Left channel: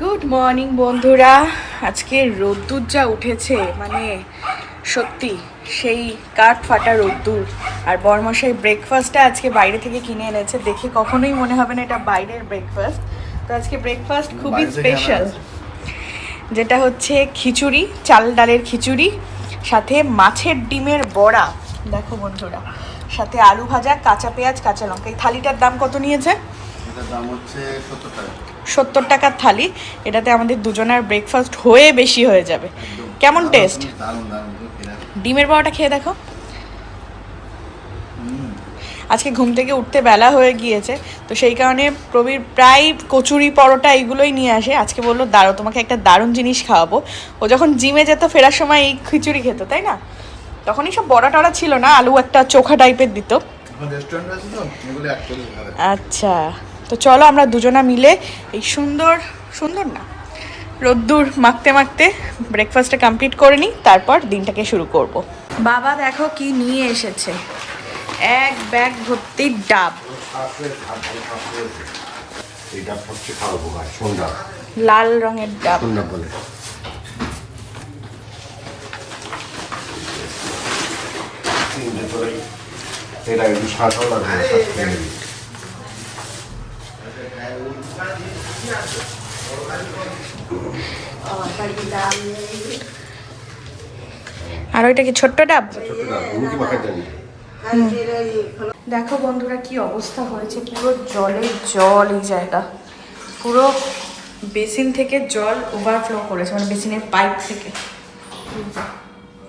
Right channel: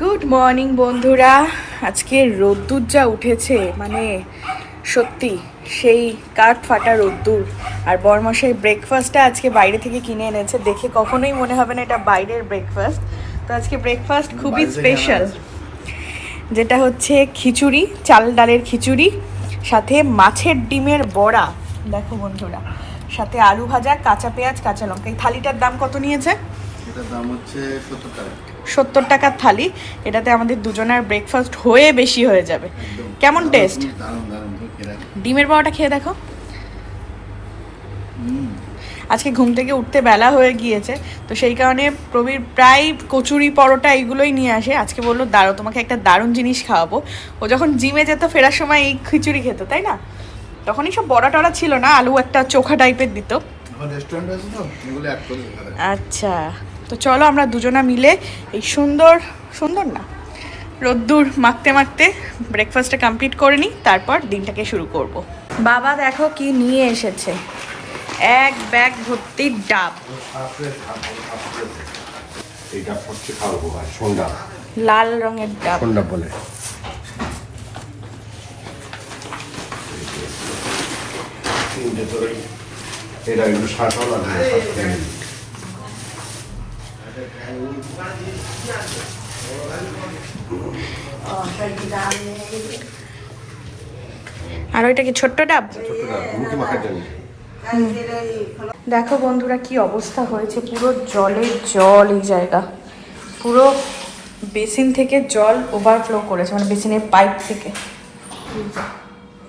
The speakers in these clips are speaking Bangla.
গুড মর্নিং বন্ধুরা। আজকে রোদ্দুর যা উঠেছে মানে সত্যি সেই কাঠ ফাটা রোদ্দুর। আর বরমশাই ব্রেকফাস্টটা আজকে বাইরে থেকে কিনে এনেছে। দেখে কখনোই মনে হবে না এটা বাইরের ব্রেকফাস্ট তো আজকে ব্রেকফাস্ট খুবই স্পেশাল যেটা হচ্ছে খিচুড়ি চাল ডালের খিচুড়ি সাথে মাছের ডিমের বড়া। দেখো বন্ধুরা সাথে আলু ভাজা কাঁচা পেঁয়াজ কাঁচা লঙ্কা। এই থালিটার দাম কত নিয়েছে? এটার দাম হচ্ছে সত্তর টাকা। সত্তর টাকার থালি এটাতে আমাদের দুজনের ব্রেকফাস্ট হয়ে বেশি হয়ে যাবে। কেমন টেস্ট। ডিমের বড়াটা খেয়ে দেখো। আজকে ঘুম থেকে উঠতে বেলা হয়ে গিয়েছে তো সেই কারণে প্রবীর প্রায় কচুরি পরোটা এইগুলোই নিয়ে আসে। আজকে বলল দাঁড়ো তোমাকে একটা দারুণ জিনিস খাওয়াবো। ও যখন জিমে যেত ফেরার সময় এই খিচুড়ি খেত তাই না? তখন সব বড়া টড়া ছিল না আলু একটা চোখা টাইপের দিত। আচ্ছা। তো চলো আমরা দুজনা মিলে এই সুন্দর সুন্দর না রোদ্দুর মাখতে মাখতে ব্রেকফাস্টটা কমপ্লিট করে নিই তারপর দিনটাকে শুরু করব। বাবা দেখো কি নিয়ে এসেছে এক ব্যাগ ভর্তি ডাব লাল রঙের ডাব এটা একটু শাঁসাও লাগবে। আর ওইটা কি ছোট্ট ডাব। দেখো বন্ধুরা কি অবস্থা হয়েছে পুরো জলে জল এই জায়গা। পুরো বেসিন থেকে জল ওভারফ্লো করেছে মানে বেসিনের পাইপ থেকে।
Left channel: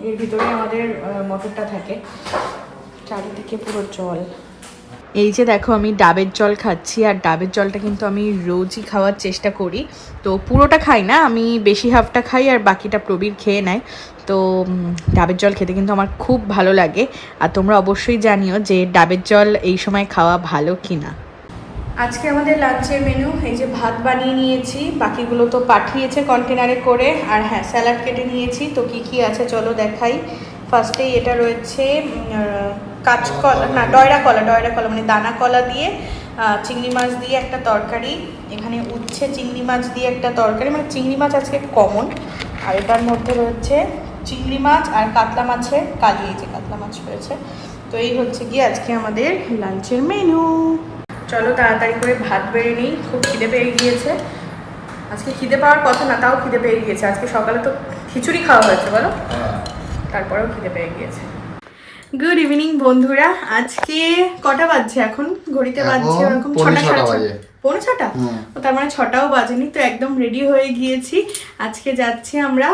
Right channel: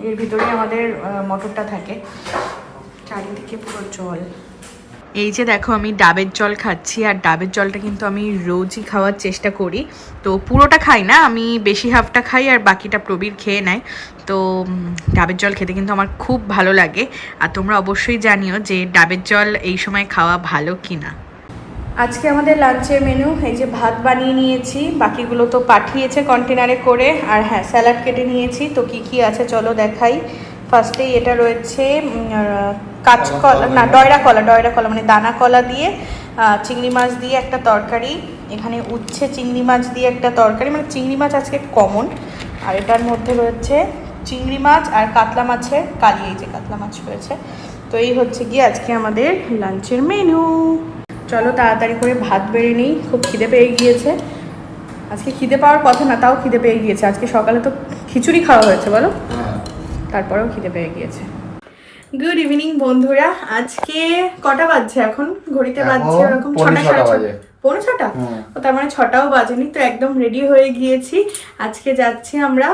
এর ভিতরে আমাদের মোটরটা থাকে। চারিদিকে পুরো জল। এই যে দেখো আমি ডাবের জল খাচ্ছি, আর ডাবের জলটা কিন্তু আমি রোজই খাওয়ার চেষ্টা করি। তো পুরোটা খাই না, আমি বেশি হাফটা খাই আর বাকিটা প্রবীর খেয়ে নেয়। তো ডাবের জল খেতে কিন্তু আমার খুব ভালো লাগে। আর তোমরা অবশ্যই জানিও যে ডাবের জল এই সময় খাওয়া ভালো কি না আজকে আমাদের লাঞ্চের মেনু এই যে ভাত বানিয়ে নিয়েছি। বাকিগুলো তো পাঠিয়েছে কন্টেনারে করে, আর হ্যাঁ স্যালাড কেটে নিয়েছি। তো কি কি আছে চলো দেখাই। ফার্স্টেই এটা রয়েছে কাঁচকলা না ডয়রা কলা ডয়রা কলা মানে দানা কলা দিয়ে চিংড়ি মাছ দিয়ে একটা তরকারি এখানে উচ্ছে চিংড়ি মাছ দিয়ে একটা তরকারি মানে চিংড়ি মাছ আজকে কমন আর এটার মধ্যে রয়েছে চিংড়ি মাছ আর কাতলা মাছের কালি এই যে কাতলা মাছ রয়েছে। তো এই হচ্ছে গিয়ে আজকে আমাদের লাঞ্চের মেনু চলো তাড়াতাড়ি করে ভাত বেড়ে নিই খুব খিদে পেয়ে গিয়েছে। আজকে খিদে পাওয়ার কথা না তাও খিদে পেয়ে গিয়েছে। আজকে সকালে তো খিচুড়ি খাওয়া হয়েছে বলো? হ্যাঁ। তারপরেও খিদে পেয়ে গিয়েছে। গুড ইভিনিং বন্ধুরা। আজকে কটা বাজছে এখন? ঘড়িতে বাজছে এরকম ওরকম ছটা ছটা সাড়ে বাজে। পৌনে ছটা? ও তার মানে ছটাও বাজেনি তো একদম রেডি হয়ে গিয়েছি। আজকে যাচ্ছি আমরা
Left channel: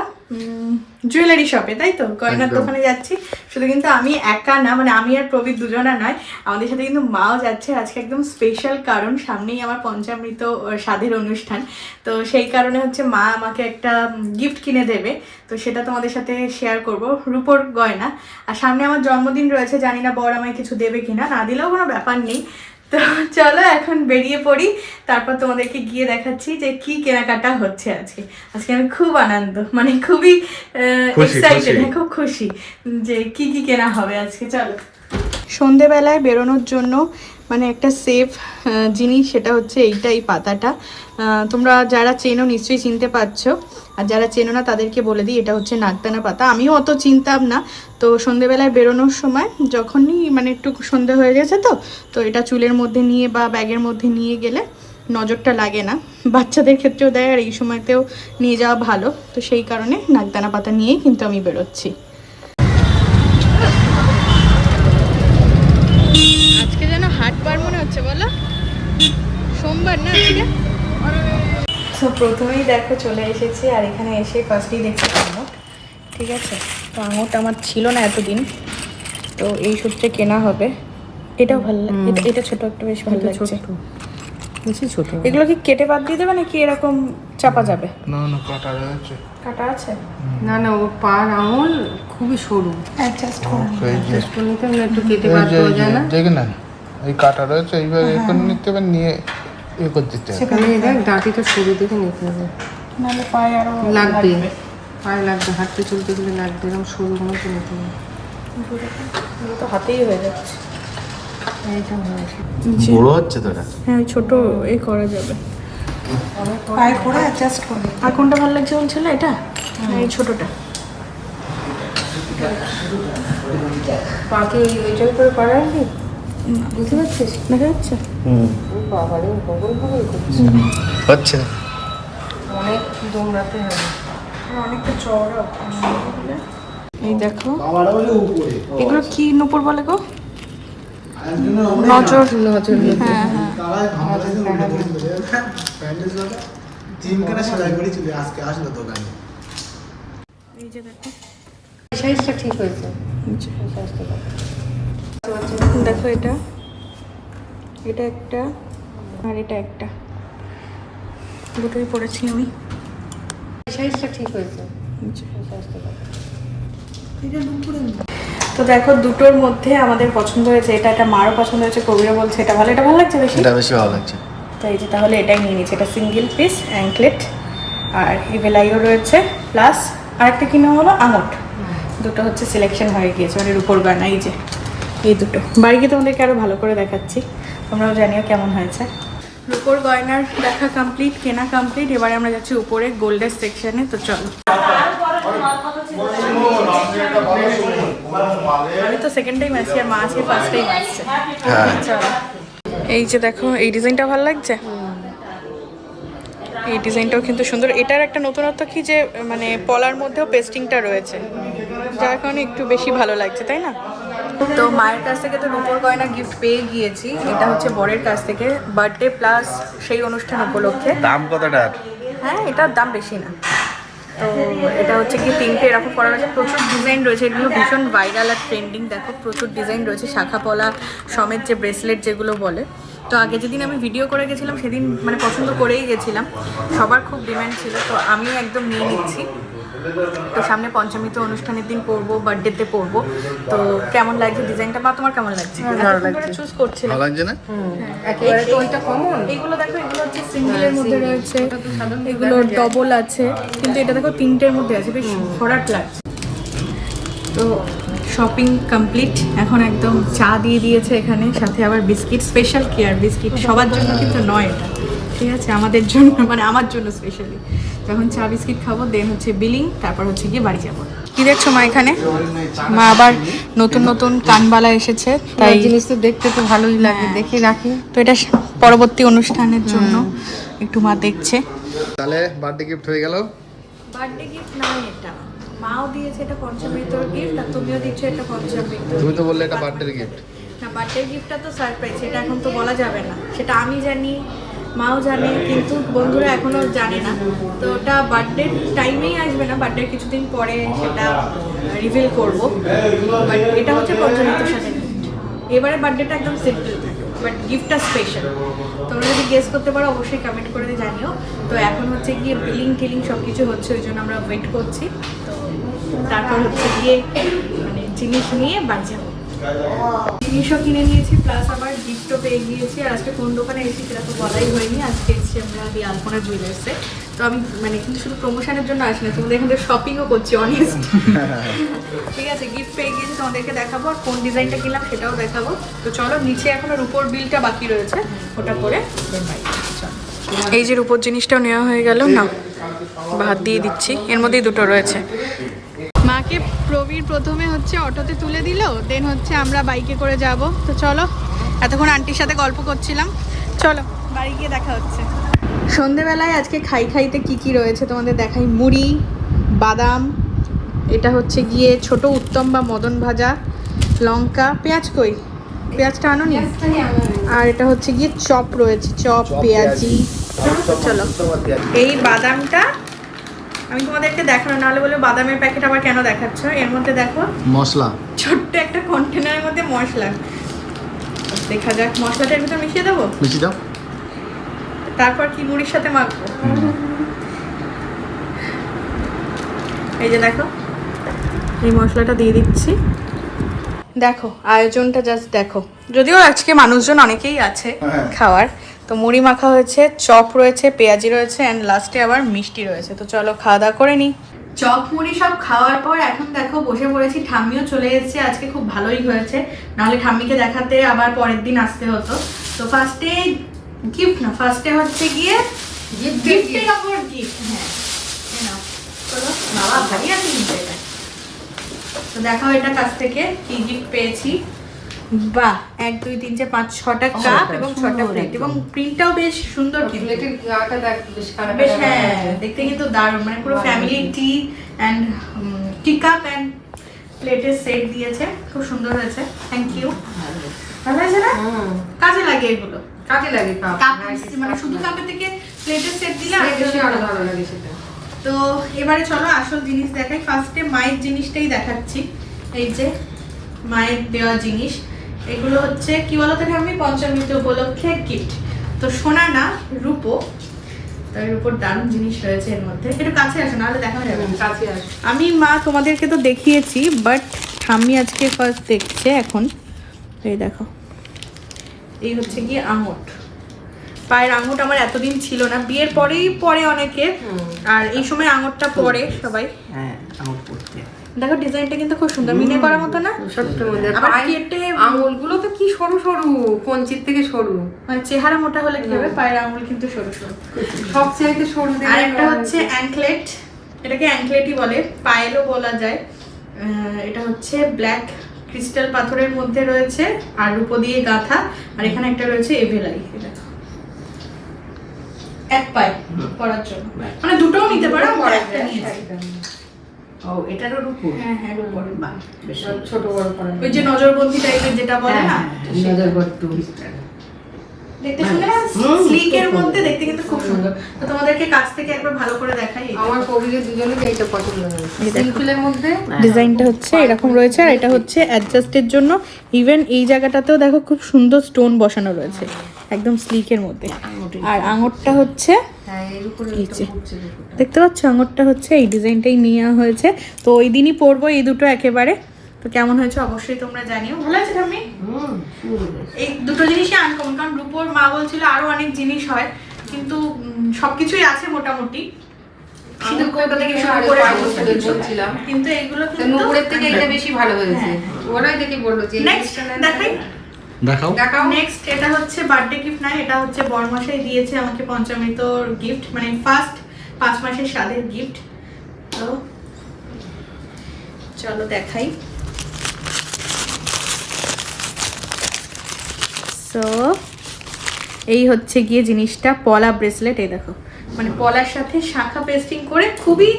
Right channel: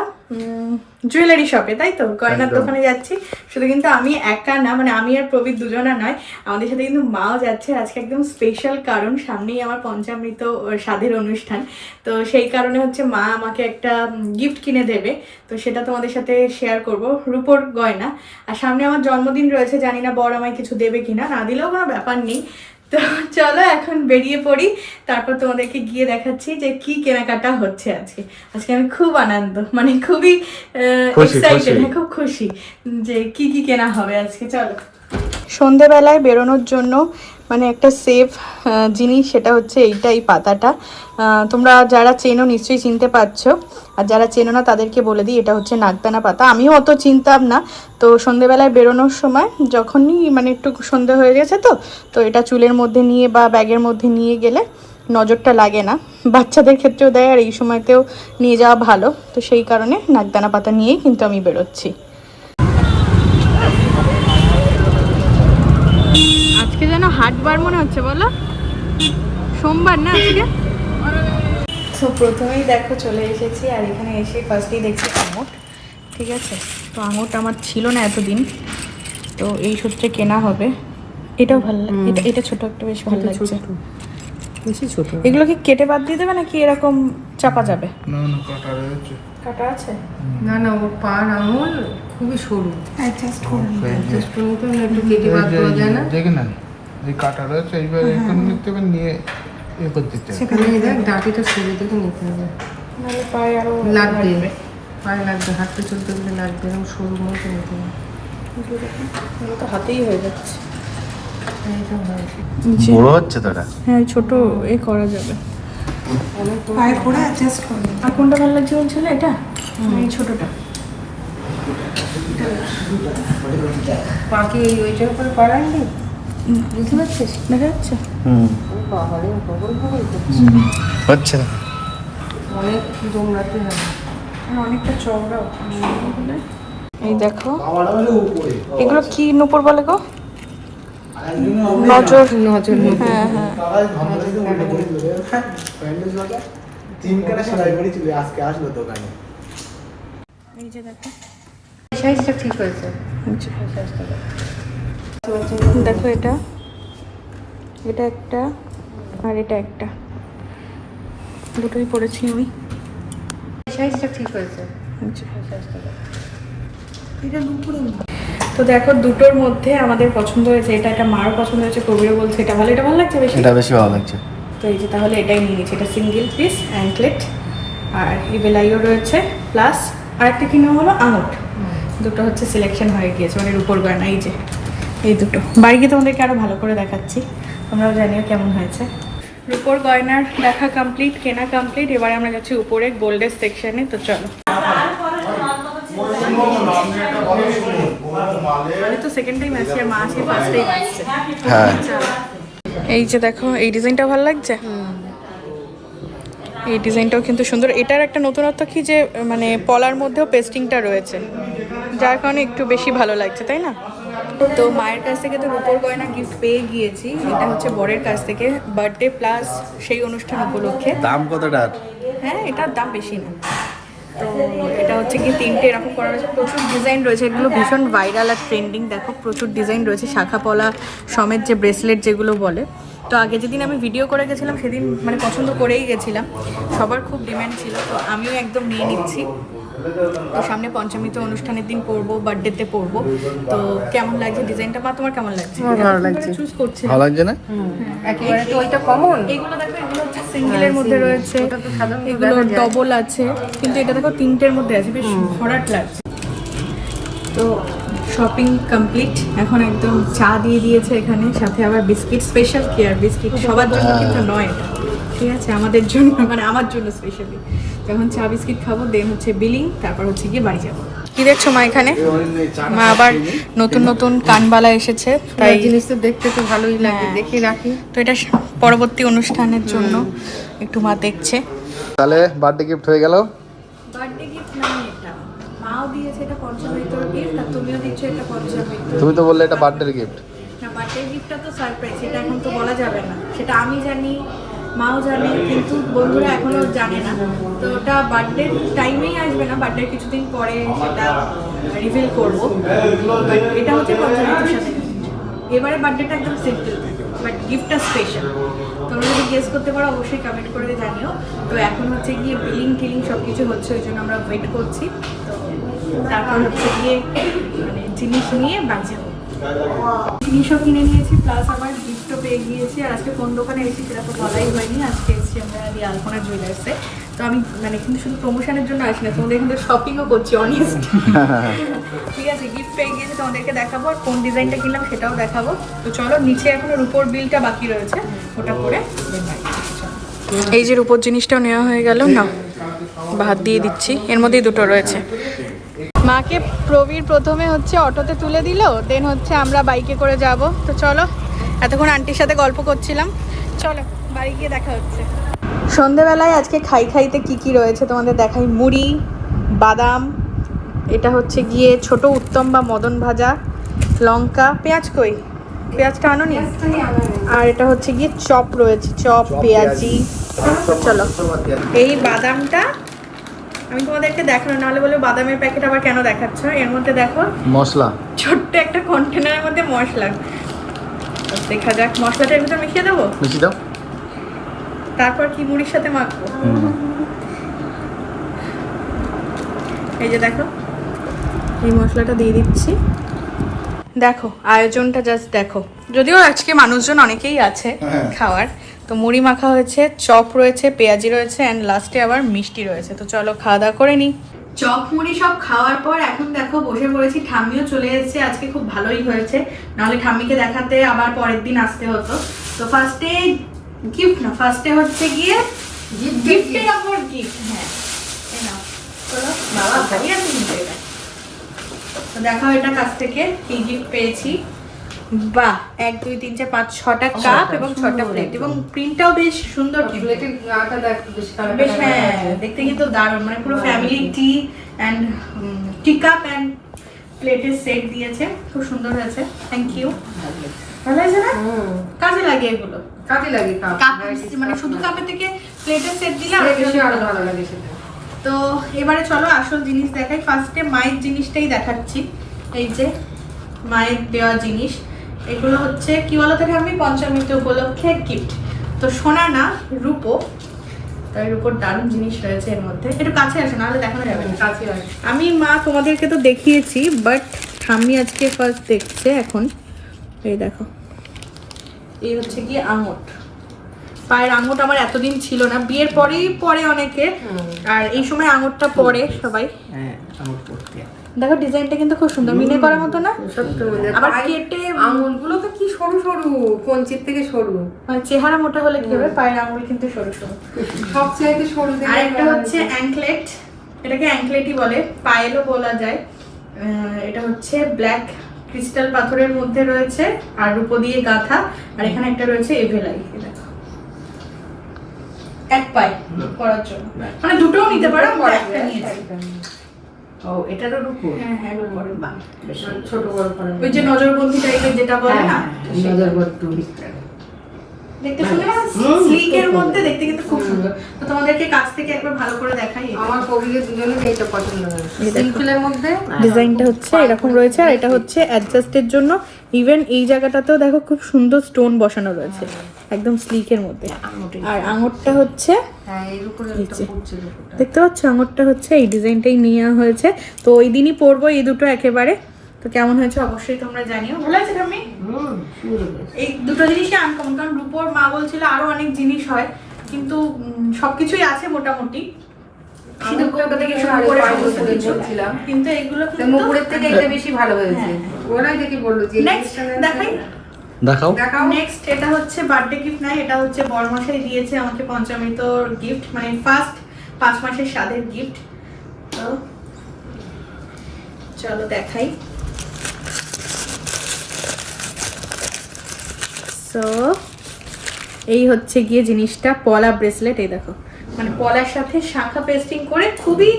জুয়েলারি শপে তাই তো? গয়নার দোকানে যাচ্ছি। শুধু কিন্তু আমি একা না মানে আমি আর প্রবীর দুজনা নয় আমাদের সাথে কিন্তু মাও যাচ্ছে। আজকে একদম স্পেশাল কারণ সামনেই আমার পঞ্চামৃত স্বাধীর অনুষ্ঠান। তো সেই কারণে হচ্ছে মা আমাকে একটা গিফট কিনে দেবে। তো সেটা তোমাদের সাথে শেয়ার করব রূপোর গয়না। আর সামনে আমার জন্মদিন রয়েছে জানি না বর আমায় কিছু দেবে কিনা না দিলেও কোনো ব্যাপার নেই। তো চলো এখন বেরিয়ে পড়ি। তারপর তোমাদেরকে গিয়ে দেখাচ্ছি যে কি কেনাকাটা হচ্ছে আজকে। আজকে আমি খুব আনন্দ মানে খুবই এক্সাইটেড খুশি। খুব খুশি যে কি কি কেনা হবে আজকে চলো। সন্ধেবেলায় বেরোনোর জন্য মানে একটা সেফ জিনিস সেটা হচ্ছে এইটা এই পাতাটা। তোমরা যারা চেনো নিশ্চয়ই চিনতে পারছ। আর যারা চেনো না, তাদেরকে বলে দিই, এটা হচ্ছে নাগদানা পাতা। আমিও অত চিনতাম না। তো সন্ধেবেলায় বেরোনোর সময় যখনই মানে একটু সন্ধে হয়ে গেছে তো তো এটা চুলের মধ্যে নিয়ে বা ব্যাগের মধ্যে নিয়ে গেলে নজরটা লাগে না। বাচ্চাদের ক্ষেত্রেও দেয়, আর এই সময়তেও নিয়ে যাওয়া ভালো। তো সেই কারণে নাগদানা পাতা নিয়েই কিন্তু আমি বেরোচ্ছি। আজকে যেন হাটবার মনে হচ্ছে, বলো? সোমবার না আজকে? তো প্রথমেই দেখো চলে এসেছি আর এখানে এসে ফার্স্টেই দেখছি আঙুর ঠিক আছে? তো আঙুরটা আমার ছিল না এতদিন তো এই সূত্রে কেনা হবে। এটাও ভালো লাগে এটা এটা ছোট একটা বেশ ভালো লাগছে। বেশি ছোট এগুলো কি কেটে বাদ দিয়ে দেবে নাকি এরকম চাপা যাবে? না না কাটা রয়েছে কাটা আছে? না না ও পান আঙুল খুবই সরু। অ্যাডজাস্ট করে না একটু কেটে যায় না না এই কাটা রয়েছে এইবার এ করে নিতে হবে নিয়ে এ করে দিতে হবে সেখানে দেখ ডাঁটি তো সরু দেখে নিতে হবে নাহলে পায়ে আরও লাগবে। পায়ে লাগবে হাঁটতে চলতে গেলে লাগবে এরকম সরু মতো নিতে হবে তো হাতেই হয়ে যাচ্ছে। বড় হচ্ছে তোরা? হ্যাঁ ছোট এ করা যাবে। অনেক পায়ে করে অ্যাডজাস্ট করবে আর কোনটা ভালো লাগছে বলছিল এটা? এই ছোটটা। পাকে ওই ওইটার উপরে পাড়ালি? বুঝতে পারছিস দেখা যাচ্ছে বাবারে বগল বগল করছে হচ্ছে না অনেক দৌড়াতে হবে হ্যাঁ, অনেকটা চওড়া এই দেখো এগুলো কি নুপুর বলে গো নজর নজর হ্যাঁ হ্যাঁ এই যে দেখো সাইজটা ঠিক হয়েছে দেখো এটা। এটা একটা আর এটা একটা। দুটোই পড়েছি আমি। সাইজটা ঠিক হয়েছে। তো দেখো দুটোর মধ্যে আমাদের পছন্দ হয়েছে। এটা একটা মারও পছন্দ হয়েছে কবিরা বলছে এটা ভালো। এটা ভালো লাগছে বেশি? এটা বেশি ভালো লাগছে। তো এই যে তাহলে এটাই নিয়ে নিচ্ছি। এটা সিঙ্গেল পিস অ্যাঙ্কলেট আর ইভেলাইও রয়েছে। প্লাস আর একটা কিনা হলো? আঙট দুটো হচ্ছে সিলেকশন হয়ে গিয়েছে মানে রূপোর গান এই যে। এই দুটো। বাইকে তোমাদেরকে আরও ভালো করে দেখাচ্ছি। তোমরাও জানিও কেমন হয়েছে। রূপোর গয়নার দেখা কমপ্লিট কেনা কমপ্লিট এবারে আমরা যাচ্ছি উপরে গোল্ডের সেকশনে তো চলো। তো সেকেন্ড টাইম আসছি আর মা আজকে ফার্স্ট টাইম আসছে। হ্যাঁ। এই যে দেখো এই ডিজাইনটা ভালো লাগছে? এই ডিজাইনটাও কিন্তু সুন্দর। এটার একটা নতুনত্ব কি যে মানে পলার মধ্যেও পেস্টিংটা রয়েছে। যার কারণে একটু বেশি ভালো লাগছে তাই না? তো মায়ের কাছ থেকে তো রূপোর গয়না গিফট পেয়ে গিয়েছি। এটা হচ্ছে বরের কাছ থেকে। বার্থডে প্লাস সেই অনুষ্ঠান উপলক্ষে। দাম কতটার হ্যাঁ এটার দাম বেশি না। তো এটা হচ্ছে কি তিনটে এরকম করা রয়েছে। প্রচুর ডিজাইন রয়েছে। এগুলো ভীষণ ভাইরাল আর ট্রেন্ডিং দেখো। প্রচুর ডিজাইন রয়েছে। শাখা পলা সমেত যে ব্রেসলেট যেগুলো বলে। তো আগে যেদিন আমি ভিডিও করে গেছিলাম সেদিন মানে পছন্দ করেই গেছিলাম। সবার খুব ডিম্যান্ড ছিল। তো আমি একদম নিয়ে নিচ্ছি। তো সামনে পঞ্চমীতে অনুষ্ঠানের দিন পরবো বার্থডেতে পরবো তো কেমন লাগছে? ডিজাইনটা বা তোমার কেমন লাগছে? চুজ করছিলাম ভালো লাগছে না? একেবারে তো ওইটা কমন এইগুলো দেখো এগুলো হচ্ছে সিঙ্গেলের মধ্যে রয়েছে। এগুলো ডবল আছে কিন্তু এটা দেখো তিনটের মধ্যে আছে বেশ ভরাট লাগছে। তো শপিং কমপ্লিট এখন একদম চা দিয়ে দিয়েছে এখানে সাথে আবার বিস্কিট স্পেশাল কেয়ার বিস্কিট সবার জন্য কিন্তু নয় এটা। ঠিক আছে? আমাদের জন্য মানে আমার জন্য স্পেশালি যখন চা বিস্কিট খাব দেন হচ্ছে বিলিং তারপর হচ্ছে গিয়ে বাড়ি যাব। কি দেখছ মা এখানে? মা আবার নতুন নতুন কানবালা এসেছে তাই জিনিস তো দেখতে তো ভালোই লাগে। হ্যাঁ। দেখি রাখি। তো এটা পরবর্তী অনুষ্ঠানের জন্য একটু মা দেখছে। তাহলে বার্থডে গিফট হয়ে গেল। বার্থডে গিফট না এটা। মাও দিয়েছে এটা পঞ্চমৃতর গিফট আর তুমিও দিচ্ছ এটা পঞ্চমৃত তুমি তো বললে এটা বার্থডে গিফট না বার্থডে গিফটটা তো সারপ্রাইজ সেটা এখন তো বলা যাবে না। সেটা আমি জানি মাও জানে, কিন্তু বন্ধুরা এখনও জানে না। তো ওটা বার্থডে টাইমেই আসবে না বার্থডে কিছুদিন পরে সেটা রিভিল করব। বাট এটা হচ্ছে পঞ্চমৃতর সাথে। এবারে বার্থডেটা একদম সিম্পল থাকে বাট গিফটটা স্পেশাল তোমরা যদি গেস করতে পারো, অবশ্যই কমেন্ট করে জানিও। তো এখন হচ্ছে গিয়ে বিলিং টিলিং সব কিছু হচ্ছে, ওই জন্য আমরা ওয়েট করছি। তো তারপর হচ্ছে গিয়ে মানে জিনিস নিয়ে বাড়ি জিনিসও কিনে নিয়েছি প্লাস আবার গিফটও পেয়ে গিয়েছি। আর আজকে কোন দোকানে এসেছি সেটা তো বলাই হয়নি। আজকে এসেছি আমরা দি আলপনা জুয়েলার্সে তো আমি মানে কিন্তু শুধু প্রমোশনের জন্য আসি না তোমাদের এখান থেকে শপিংও করছি অনেস্ট ঠিক আছে গিফট পেয়ে গিয়েছি তোমাদেরকে দেখাবো আর কোন ডিজাইনটা কিনলাম সেটাও দেখাবো। তো চলো নিচে এখনও রুপোর বিলটা বাকি রয়েছে। ওটা করে। এই যে রুপোর জিনিসটাও নেওয়া হয়ে গেল। না ভাত দিয়ে দিচ্ছি। এর মধ্যেই দুটো রয়েছে। মাকে প্রবীর প্রথমে হচ্ছে অটোতে তুলে দিল দেন হচ্ছে আমরা বাইকে করে যাব। তো চলো, এতক্ষণ আন্টির সাথে গল্প করছিলাম। চলো, বাড়ি গিয়ে দেখা হচ্ছে। সন্ধেবেলায় আজকে খাই খাইতে কি কি রয়েছে তোমাদের দেখাই? মুড়ি, বাদাম, এটা হচ্ছে গিয়ে ছোট উত্তম বা মদন ভাজা, লঙ্কা, পেঁয়াজ কই? পেঁয়াজটা আনোনি? আর এটা হচ্ছে গিয়ে চপ রয়েছে, চপ, পেঁয়াজি। চলো, এই বাদামটা আমি তোমাদেরকে দেখানো নাহলে বলে বাদামের প্যাকেট আবার কেন দেখাচ্ছ? এর মধ্যে দেখো মশলা। ছোট্ট একটা কন্টেনারের মধ্যে মশলা। দেখা যাক মশলাটা এর ভিতর মিশিয়ে দেবো? মিশি দাও। তারপর কি মুড়ির সাথে মাখবো? এই যে দেখো এই মশলাটা দিয়ে দিচ্ছি। দেখো আয়োজনটা জাস্ট দেখো। যদিও আজকে মানুষজন অনেকেই আছে খাওয়ার। তো মুড়ি মাখা হয়েছে, চপ রয়েছে, পেঁয়াজি রয়েছে অ্যান্ড লাস্টে আবার মিষ্টি রয়েছে। তো চলো খাওয়া দাওয়া করে নিই চপ, মুড়ি সব খাওয়ার পর এখন দেখো বসে পড়েছি, ঠাম্মিও চলে এসেছে, আজকে খুব ভালোই হয়েছে। নাহলে ঠাম্মিকে দেখাতে আবার পরের দিন আসতে হতো। তো ফার্স্টে গিফট না ফার্স্টে হচ্ছে গিয়ে গিফটের ওপর গিফট হ্যাঁ। বাবা, ভারী আছে তো দেখাও এটা কাছ থেকে কি গিফট পেয়েছি। বাহ এক দুই তিন চার পাঁচ ছটা কাপ এবং ছটা প্লেট এবং প্রিন্টটাও বেশ সুন্দর বেশ হ্যাঁ দেখতে কিন্তু দারুণ মানে পুরো family tea and tea cup and প্লেটের সেট দিয়েছে। খুব সুন্দর হয়েছে। থ্যাংক ইউ ভালো হয়েছে না? কাজে লাগে এগুলো। কাজে লাগে কাপ হ্যাঁ, মানে শুধু কাপের থেকে প্লেটের সেট দিলে আরও বেশি বেশি ভালো। ভালো লাগে সেটা। তো এবারে চলো আসল জিনিস দেখাই। ফার্স্টে মায়ের জিনিসটাই দেখাচ্ছি। এই যে মায়ের দেওয়া জিনিস। এগুলো হচ্ছে কি বলো থেকে আমি পঞ্চমীতে উপলক্ষে গিফট তো সোনা না রূপো। তো এর উপর দারুণ জিনিস রয়েছে এর মধ্যে। একটু কাছে আসো নাহলে দেখানো যাবে না। কাছে আমি মা তোমাদেরকে তো দেখিয়েছি বাট ঠাম্মি আজকে ফার্স্ট দেখছে এখন। এই দেখো। এই হচ্ছে কি আঙট পায়ের আঙুট আমার এতদিন ছিল না। বিয়ের পরেই পরে অনেকে। আর এই সময় আঙুরটা পরে সবাই। হ্যাঁ দেখো ডিজাইনটা কিন্তু খুব সুন্দর। মিনে করার মতো না? আবার কেটে আঙুলগুলো তো কি সরু সরু কঞ্চির থেকে সরু। মানে চেহারা মোটা হলে কি হবে? পায়ের আঙুল কিন্তু সরু সরু। সব চাইতে সরু আর একটা হচ্ছে অ্যাঙ্কলেট এটাকে অ্যাঙ্কলেটই বলে। পায়েলও বলা যায়। আহ, এটা হচ্ছে ব্ল্যাক ক্রিস্টাল পাথরের মধ্যে রয়েছে। আর রূপো দিয়ে গাঁথা। আর এখানে একটা রয়েছে এভেলাই। এটা। এক পায়ে পরার জন্য। মানে দুটোও নিতে পারো বড় একটা নিয়েছি। ও এটারও রূপো? হ্যাঁ হ্যাঁ ছোট বড় করা ওই যে নজরবন্দি টাইপের যেটা বলে না নজর বর্তু দেখতে সুন্দর স্লিকের মধ্যে দেখতে কিন্তু খুব সুন্দর। তো তোমাদেরকে কাছ থেকে একবার ভালো করে দেখাই এটা। আমার কবিরের দুজনের এইটা পছন্দ হয়েছে। এই দেখো। সিম্পলের মধ্যে? ডিজাইনটা হচ্ছে এরকম রয়েছে আর এটা হচ্ছে অ্যাডজাস্টের জন্য। ইভেন এই জায়গাটাতেও দেখো খুব সুন্দর স্টোন বসানো রয়েছে। একদম স্লিকের মধ্যে। আর আঙুরটা হচ্ছে হ্যাঁ। দেখতে পাচ্ছ? আঙুরটা হচ্ছে এই ডিজাইনটাই নেওয়া হয়েছে। তো ওই দিনই পরবো এই দুটো একেবারে। তো কেমন হয়েছে অবশ্যই তোমরা জানিও। ভালো আছে বেশ। এই দুটো জিনিসই আনকমন কারণ রূপোর মা বলছিল আরও অনেক জিনিস হয়। কিন্তু সবকিছুই আছে মোটামুটি। কিন্তু এগুলো থেকে এটা বেশি ভালো হয়েছে। হ্যাঁ। ওরাই দেখি বলল যে। দেখাই। দেখাও। দেখাও। নেক্সট এটা হচ্ছে বার্থডে গিফট নয় এটা হচ্ছে বরমশাই দিয়েছে আমাকে পঞ্চমীতর গিফট মানে ফার্স্ট পাঁচ মাসের স্বাদের গিফট তো চলো দেখাই। সো এই হচ্ছে গিয়ে জিনিসটা পলা ব্রেসলেট এই দেখো। মানে পলার সাথে শাখা পেস্টিং করে খুবই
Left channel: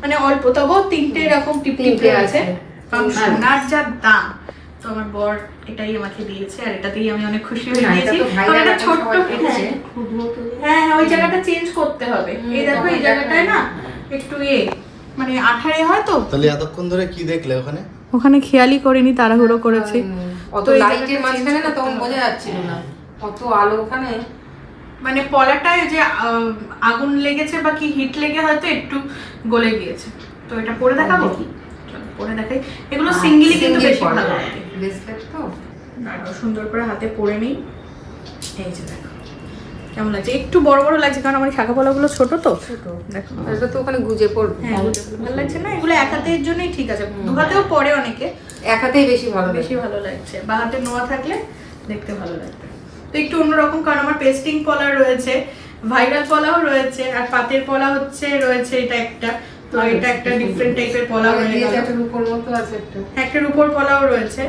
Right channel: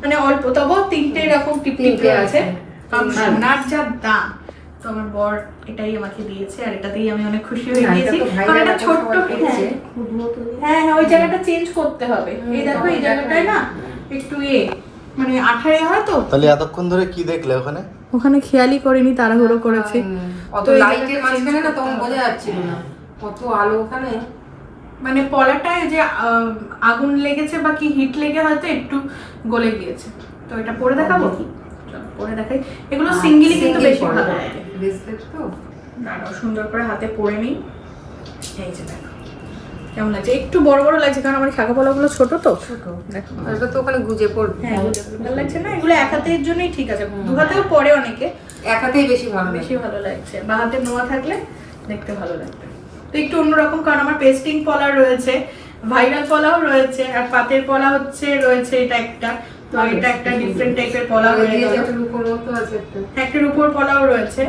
মানে অল্প তবুও তিনটে এরকম টিপ টিপে আছে আছে। কারণ সোনার যা দাম। তো আমার বর এটাই আমাকে দিয়েছে আর এটাতেই আমি অনেক খুশি হয়ে গিয়েছি। কারণ এটা ছোট্ট হ্যাঁ। হ্যাঁ হ্যাঁ ওই জায়গাটা চেঞ্জ করতে হবে। এই দেখো এই জায়গাটায় না একটু ইয়ে মানে আঠারে হয় তো? তাহলে এতক্ষণ ধরে কি দেখলে ওখানে? ওখানে খেয়ালই করিনি তাড়াহুড়ো করেছি। অত লাইটের মাঝখানে না তখন বোঝা যাচ্ছিল না। কত আলো ওখানে। মানে পলাটায় যে আহ, আগুন লেগেছে বা কি হিট লেগে হয়তো একটু গলে গিয়েছে। তো এটা পরে দেখাবো? চলো পরে দেখাই। এগুলো সিঙ্গেলি কিন্তু বেশি ভালো লাগে। Bracelet তো? সুন্দর করে হাতে পরে নিই। এই যে দেখো কেমন লাগছে? একটু বড় বড় লাগছে কারণ আমার শাখা পলাগুলো ছোট তো। দেখো। তো ওখানে গুজে পড়বে। হ্যাঁ ভালো লাগছে না? এগুলো এক হাতের জন্যই ঠিক আছে। দু হাতেও পরে অনেকে। এক হাতেই বেশি ভালো বেশি ভালো লাগছে। বা হাতে নোয়া থাকলে দেখতে ভালো লাগবে। তো একটু অন্যরকম কারণ আমার পেস্টিং পলা রয়েছে ভাইরাল পলাও রয়েছে আর পাতের পলা হচ্ছে রয়েছে এটা একটা। তো এটা একটা ডিফারেন্ট টাইপের পলা হয়ে গেল। একটার উপর পলাও রয়েছে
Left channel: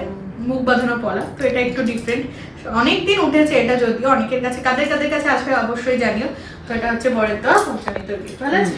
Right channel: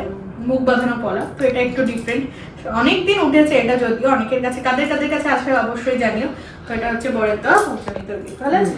মুখ বাঁধানো পলা তো এটা একটু ডিফারেন্ট অনেকদিন উঠেছে এটা যদিও অনেকের কাছে কাদের কাদের কাছে আসবে অবশ্যই জানিও। তো এটা হচ্ছে বরের দেওয়া পৌঁছানি ভালো আছে।